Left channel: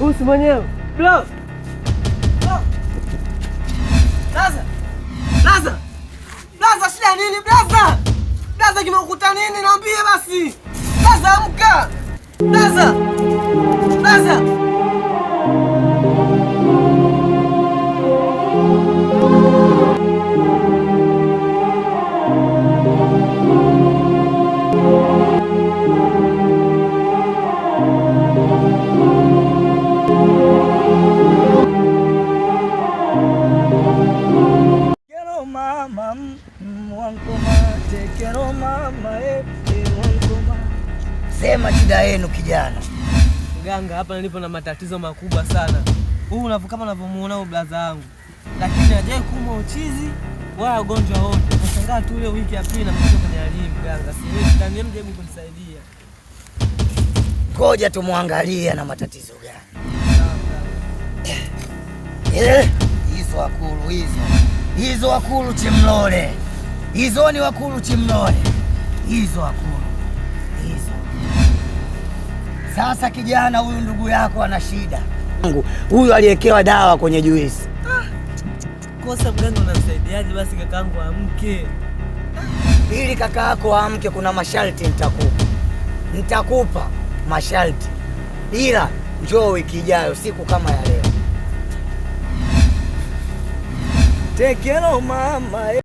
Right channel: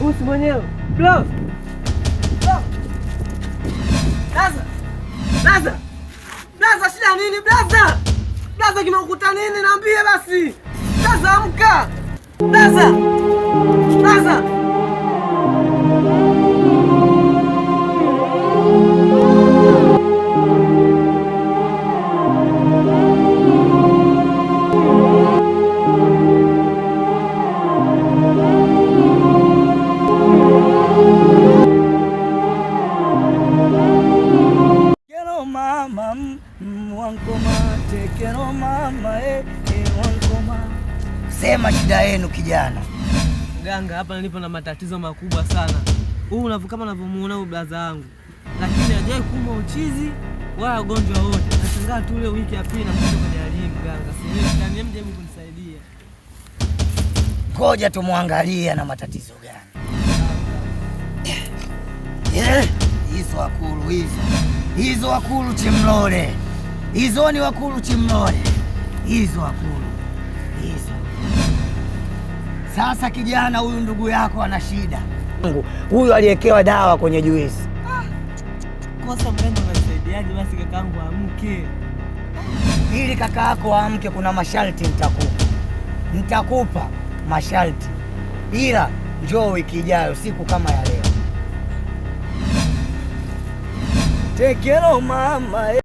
Usi mwenyewe. Bro. Blaza, shida nini blaza? Blaza kimekuta nini niambie basi. Blaza amka. Blaza. Sema shida yenu kijana. Mganga, hapa nilipo na matatizo makubwa sana. Huu kama unavyomuona huyu blaza wangu, lakini hajai kuuma uchizi wala ugonjwa wote. Nashangaa tu ile wiki ya pili na mtoto kwenye elimu mganga. Siwezi ndani mjaribu kunisaidia. Ngoja tumwangalie na matatizo gani. Hizo wakulu hizo wakulu Chimlole. Hizo ni wakulu Chimlole. Hizo wakulu. Sasa kijana, huyu ndugu yako ana shida. Huyu aliyekewa dawa kwenye juisi. Kosa mganga, unamsaidiaje basi kakaangu amke? Ili kaka yako amke kuna masharti nitakupa masharti. Ila njoo wiki ijayo siku kama ya leo. Take care mama.